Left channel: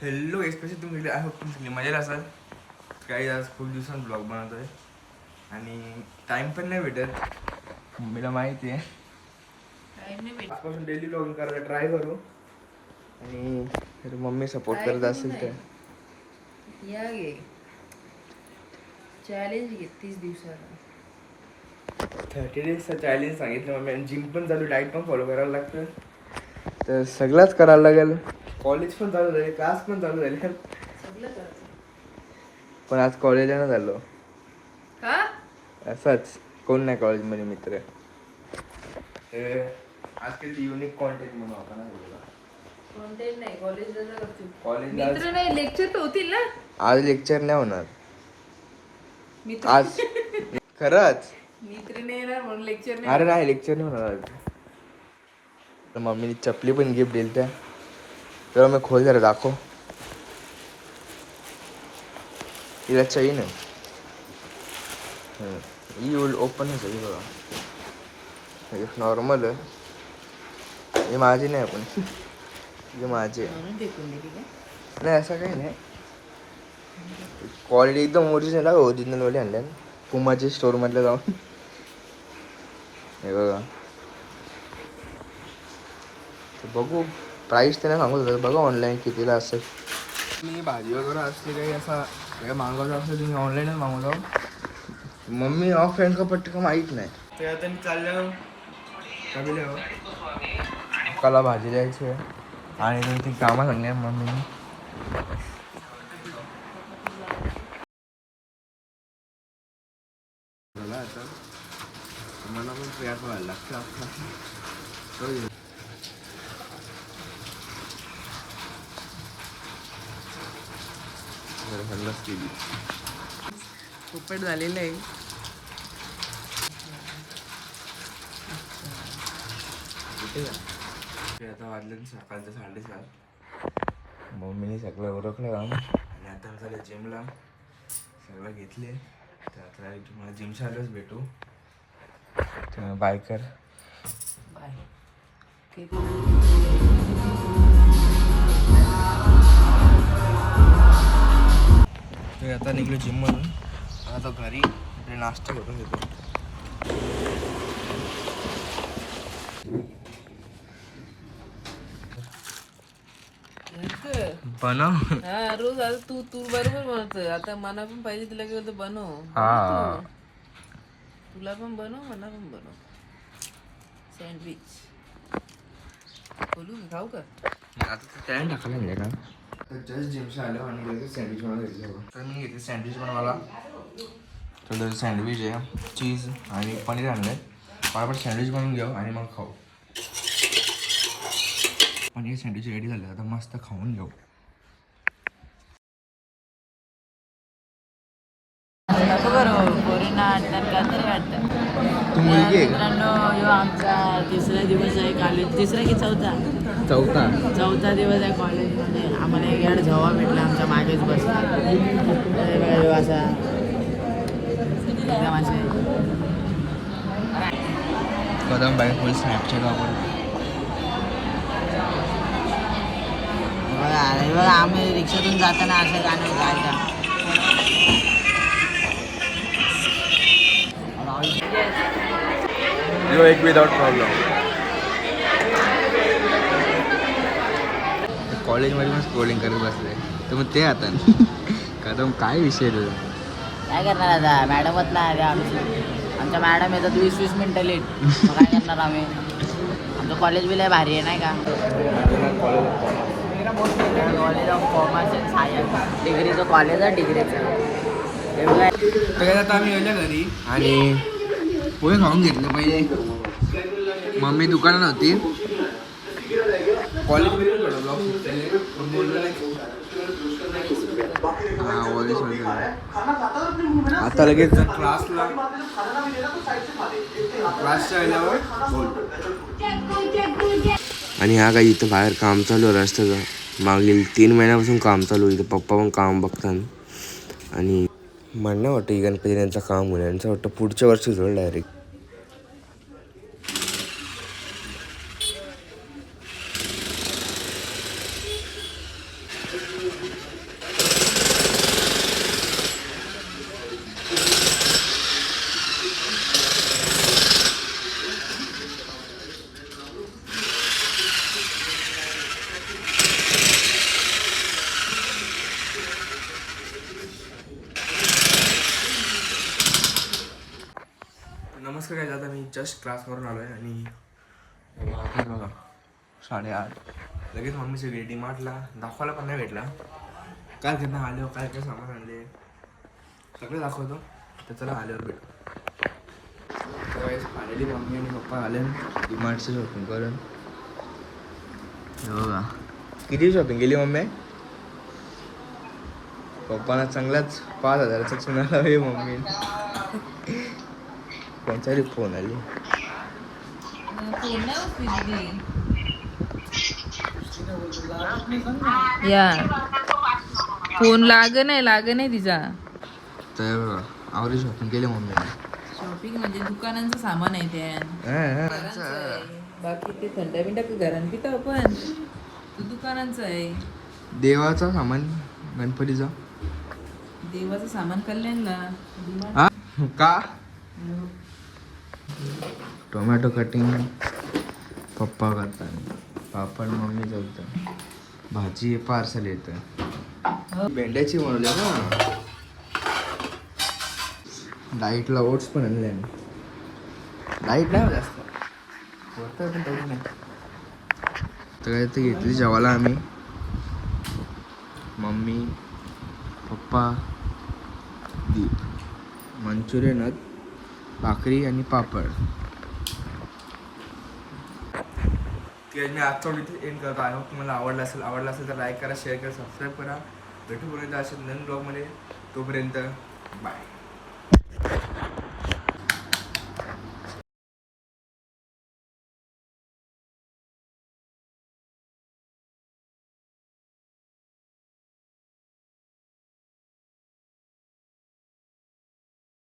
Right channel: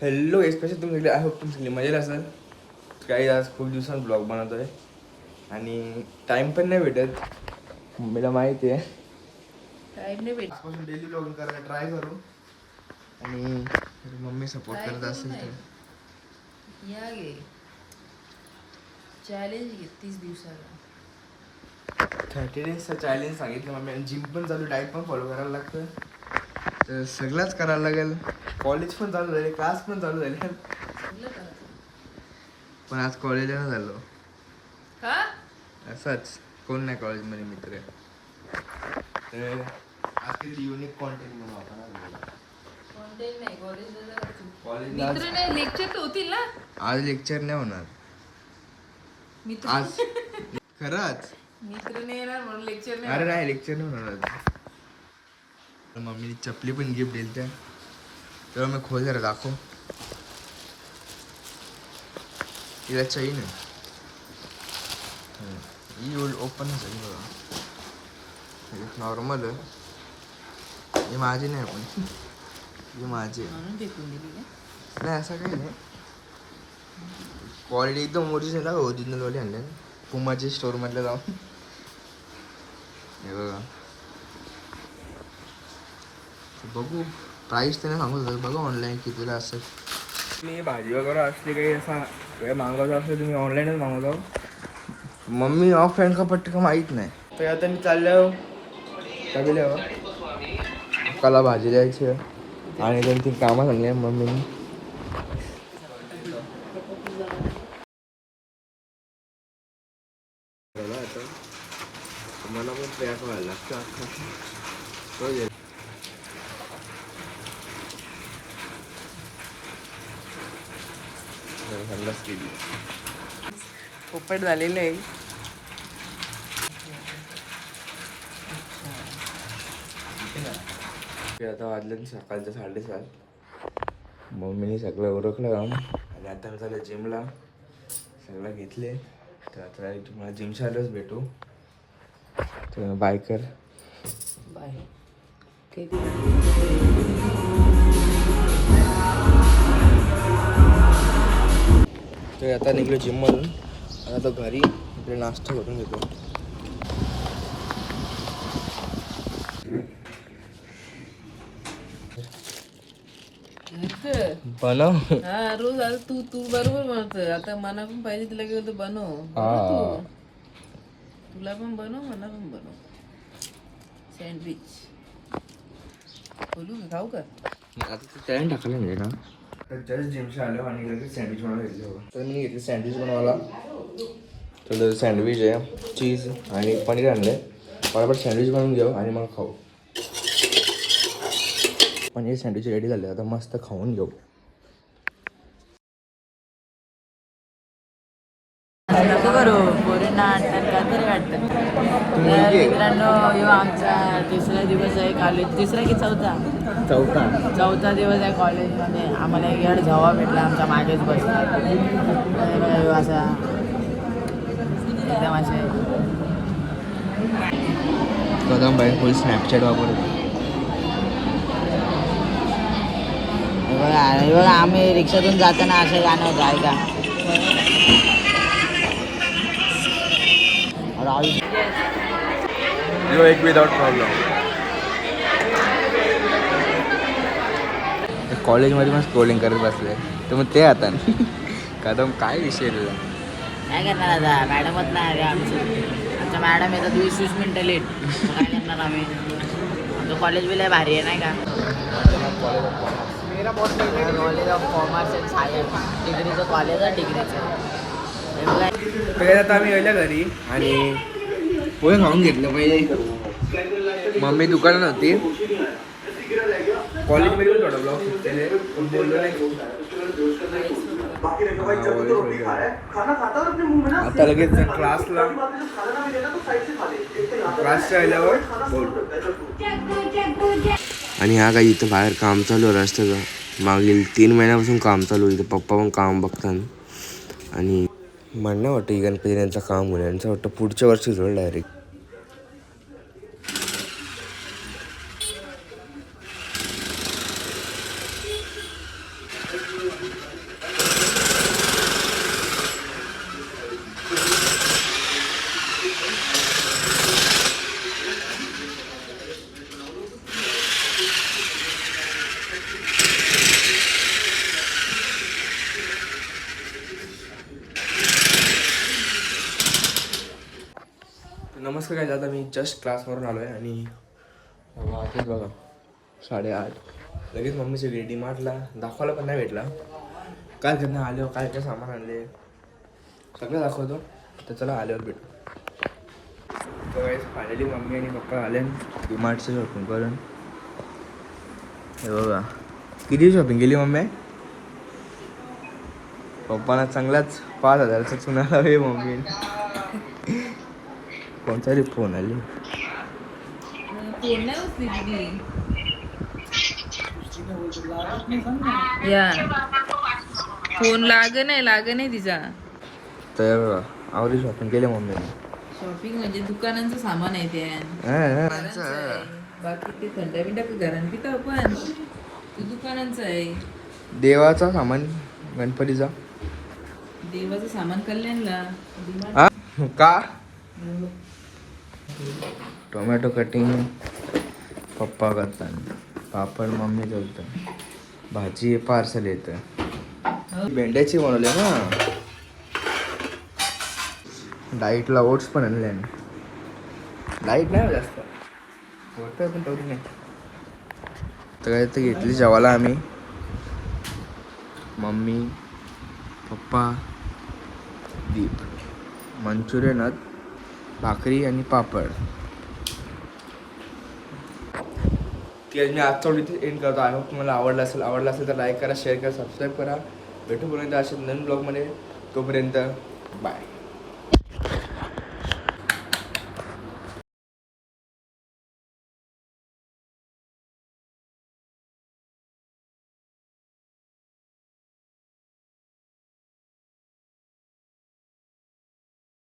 Hello special तुम्ही? सगळे I hope तुम्ही सगळे मजेत असाल. काही आज खूप दिवसांत ब्लॉग बनवतोय. आणि टाइम पण नाही भेटत. मम्मीला माहिती आहे. नाही आजपासून डेली ब्लॉगिंग करायला ट्राय करू. आणि मम्मी सपोर्ट करत करू असेल तर. या गे. चॅलेंज घे तीस दिवसाला थर्टी डेजचं चॅलेंज सांगितलं मम्मी. आणि जिम पण चालू डाईट पण फॉलो करायला लागतं. तर सगळंच करायला लागेल. कॉलेज पण चालू झाले क्लास पण चालू झाले. पण आज कॉलेजला नाही झालो. असंच. कोण नाही कॉलेजमध्ये मित्र. तर आज काही युनिक कॉन्टेंट म्हणून होता ना तुला कॉन्टेंट नाही कॉलेजला जा करतो कॉलेजला मित्र नाही लेक्चर तर होतील ना. आज लेक्चर नाही होणार. मित्र. आज खरंच? मित्र नाही येणार म्हणून लेक्चर नाही अरे नाही लेक्चर नाही होणार आज. तर मम्मीने चपली पण गिफ्ट दिली त्या. तेव्हा मी खोल जरा दाखव तिला चैन आहे हम्म. ही ओपन आहे सगळी बघा नॉर्मल आहे हे माझी नाही पण हे माझी नाही असं काही नाही क्वालिटी एकदम ओरिजिनल आहे ओरिजिनल वाले आणल्या पुमाच्या स्टोरमधलं जाऊन हे बघा बघू प्राईस त्याने सांगू होतं बघा ऑनलाईन कितीला असतं मी भाजी वगैरे असली काही असा काही असेल तुम्ही ऑनलाईनच मागवतो. मम्मी ऑफ हँड का पटका माहीत नाही. तर आता मी चाललो सगळ्यावर कला भाजी द्यायची आहे. आणि दोन तीन कामं सांगली मम्मीने. झाला आता. तुम्हाला पण ट्रॅक व्हायला लागतं अख्खा हल्लाच केली. पोपट झालेलं आहे. ते आता वाजलं सकाळचं साडेसात. मम्मीने सगळं उरकलं काम आणि आता मी झालं जिमला सगळं घेतले. तर आता तुम्हाला जिमच्या आल्याच भेटू. तर बाय कर. बाय. तर आता निघलो जिममधून आता तो घरी इकडे नाश्ता करून घेतो. बनव. हा रोज आता तू तू बरोबर म्हणतोय आता मना पण पाहिजे तुला गेलं तर बनव. हा. तुला पण बनव मला पण बनव. सँडविच बोलू खाऊ का? आता टाकलं नाही का? तर जस्ट जिमच्या आलो आणि लगेच सँडविच बनवून घेतलं तर मी घेतली सँडविच बनवायला थोडं सँडविच आहे चीज आणि पनीर आणलं आहे बरोबर सँडविच बनवून घेऊ आणि मग खाऊ. पनीर सँडविच रेडी झाले आता मस्त खाऊन घेऊ. कॉलेज तिसरा की चौथा? चौथा. चौथा दिवस आहे कॉलेजमध्ये आम्हाला एक याड झवा भेटला आमच्या मागेच बसला. असा एकदम असे कदम बाई फुल स्नॅपचॅट वापरतो हे बघा हे बघा आम्ही रिक्षातून जाताना असं गाणं होतं ऐका. यो एक विदाउट प्रॉब्लेम कॉलेजमध्ये पण स्क्रोलिंग करत बसले. तर मग ते आता. कदम काय विषय काय करणार आता? मॅडमच नाही आमची. आमचा मॅडम येतात वीस वीस मिनटं लेट काय करणार आम्ही? आमचं कॉलेज बी लय भारी आहे नाही का? College of commerce and science डिग्रीचं college आहे डिग्रीचं ते आता आम्ही गेल्या घरी. आणि पोहे खाऊन घेतलं पहिले. मम्मी दुकानात होती. थोडा ब्लॉग हा. आता लगेच क्लासला क्लासच्या आल्यावर बोल. आणि हा काही इथं बाहेर काम चालू आहे रस्त्याचं. मागील तीन महिन्यापासून काम चालू इथं पप्पा पण काम बघतात. आणि म्हणणं वाटतं गणपती यांचं काम होईल. यांचं वाटतं पुढच्या वर्षी होईल डायरेक्ट नमस्कार काय आता मी जस्ट क्लासवरून आलो आहे आणि बघा साडेआठ. लगेच मम्मीची गेली डीमार्टला दाखवायला पण नाही भेटला. काय करणार आल्यावर काय काय सामान आणले? सगळं दाखवतो. तर चला आल्यावर भेटू. तर फायनली मम्मी आणि पप्पा आले डीमार्टचं शॉपिंग करून. हे बघा. किती शॉपिंग केली मम्मी? पप्पाला चांगलाच पाच हजाराचा चुना लावे मम्मी कोणतरी फोन आली या. फोन लाग नाही लाग नाही तिचा. तर आवडी शॉपिंग केली मम्मीने. शॉपिंग म्हणजे दुकानांचं सामान आहे त्या बाकी ते थंड बिंड घरात पिता आपण. तू दुकानांचं आहे. देवाचा सामान गणपतीचा. देवाचं सामान कल्याणला. का? टोमॅटो कटिंग पप्पा करतात. पापड मम्मी ठेवतं भाजी पार्सल येतं. भेंड्याची बनवली ना? डाईटला ओट्स पण आणले डाईट नाही जास्त. होतं पण नाही. तर काय तर घेतली जेवायला आम्ही. मम्मी पप्पा दीप. मंचुरियनात भाकरी आणि पापड. ती आज मी आजचा व्हिडिओ एंड करतो. आय होप तुम्हाला आवडला असेल आवडला असेल तर लाईक करा शेअर करा सबस्क्राईब करा. भेटूपर्यंत असे नवीन ब्लॉगमध्ये तोपर्यंत बाय